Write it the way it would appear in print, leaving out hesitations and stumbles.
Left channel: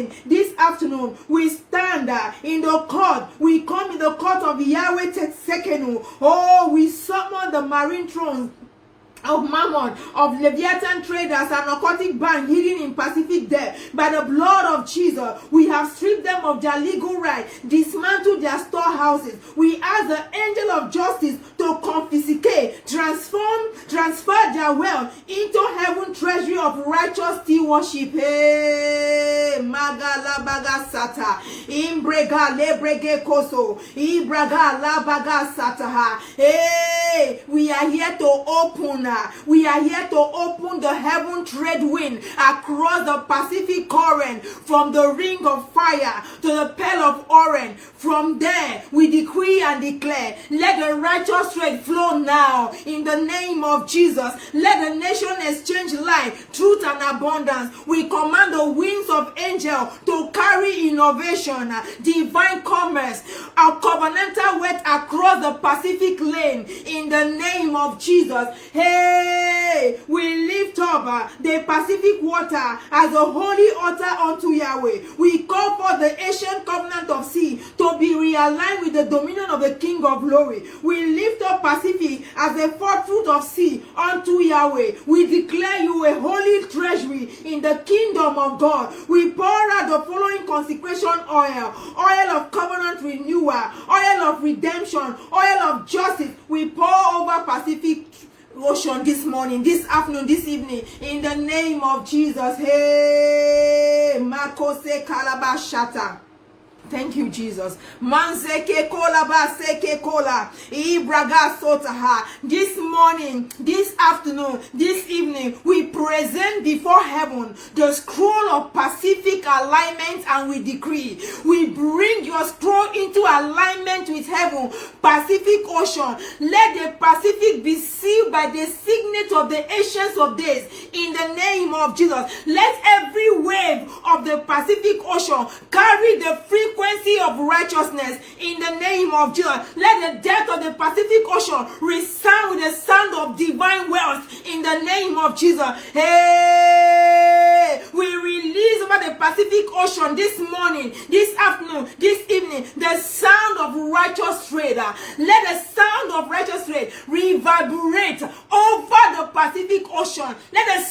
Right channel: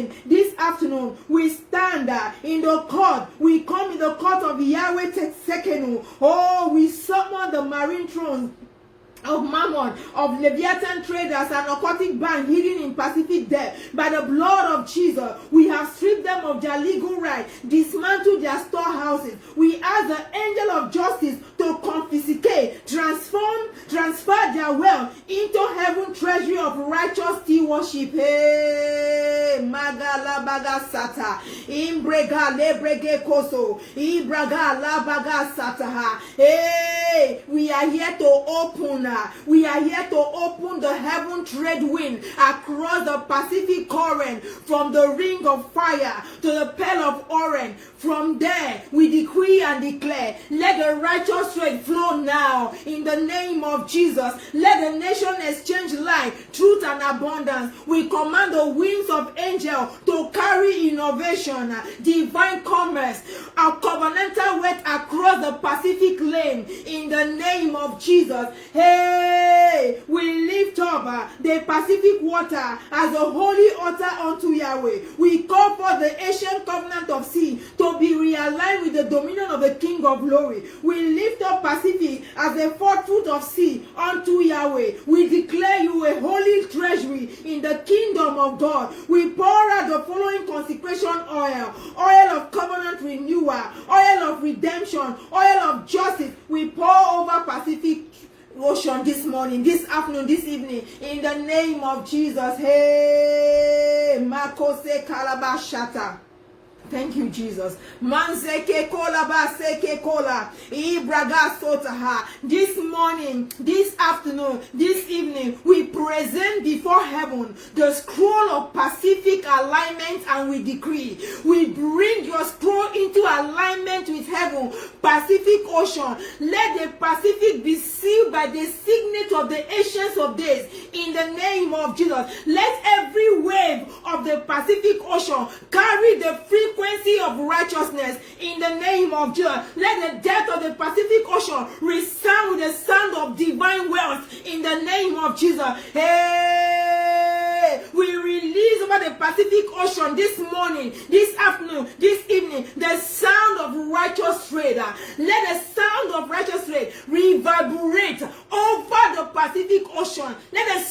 evening, this afternoon, we stand in the court. We come in the court of Yahweh Teksekenu. Oh, we summon the marine thrones of Mammon, of Leviathan traders and occultic band hidden in Pacific depth. By the blood of Jesus, we have stripped them of their legal right, dismantled their storehouses. We ask the angel of justice to confiscate, transfer their wealth into heaven treasury of righteous stewardship. Hey, Magala Baga Sata, Imbrega Lebrege Koso, Ibraga Labaga Sataha. Hey, we are here to open. We are here to open the heaven trade wind across the Pacific current, from the ring of fire to the pearl of Orion. From there, we decree and declare, let the righteous trade flow now in the name of Jesus. Let the nation exchange life, truth, and abundance. We command the wings of angels to carry innovation, divine commerce, our covenantal wealth across the Pacific lane in the name of Jesus. Hey, we lift up the Pacific water as a holy altar unto Yahweh. We call for the ancient covenant of sea to be realigned with the dominion of the King of glory. We lift up Pacific as a fourth fruit of sea unto Yahweh. We declare you a holy treasury in the kingdom of God. We pour out the following consecration oil: oil of covenant renewal, oil of redemption, oil of justice. We pour over Pacific Ocean this morning, this afternoon, this evening, in the name of Jesus. Hey, Makose Kalabashata. Thank you, Jesus. Manzeke kola baseke kola. Ibraga sotaha. This morning, this afternoon, this evening, we present before heaven the scroll of Pacific alignment, and we decree. We bring your scroll into alignment with heaven. Pacific Ocean. Let the Pacific be sealed by the signet of the Ancients of Days in the name of Jesus. Let every wave of the Pacific Ocean carry the frequency of righteousness in the name of Jesus. Let the depth of the Pacific Ocean resound with the sound of divine wealth in the name of Jesus. Hey, we release over the Pacific Ocean this morning, this afternoon, this evening, the sound of righteous trade. Let the sound of righteous trade reverberate over the Pacific Ocean. Let the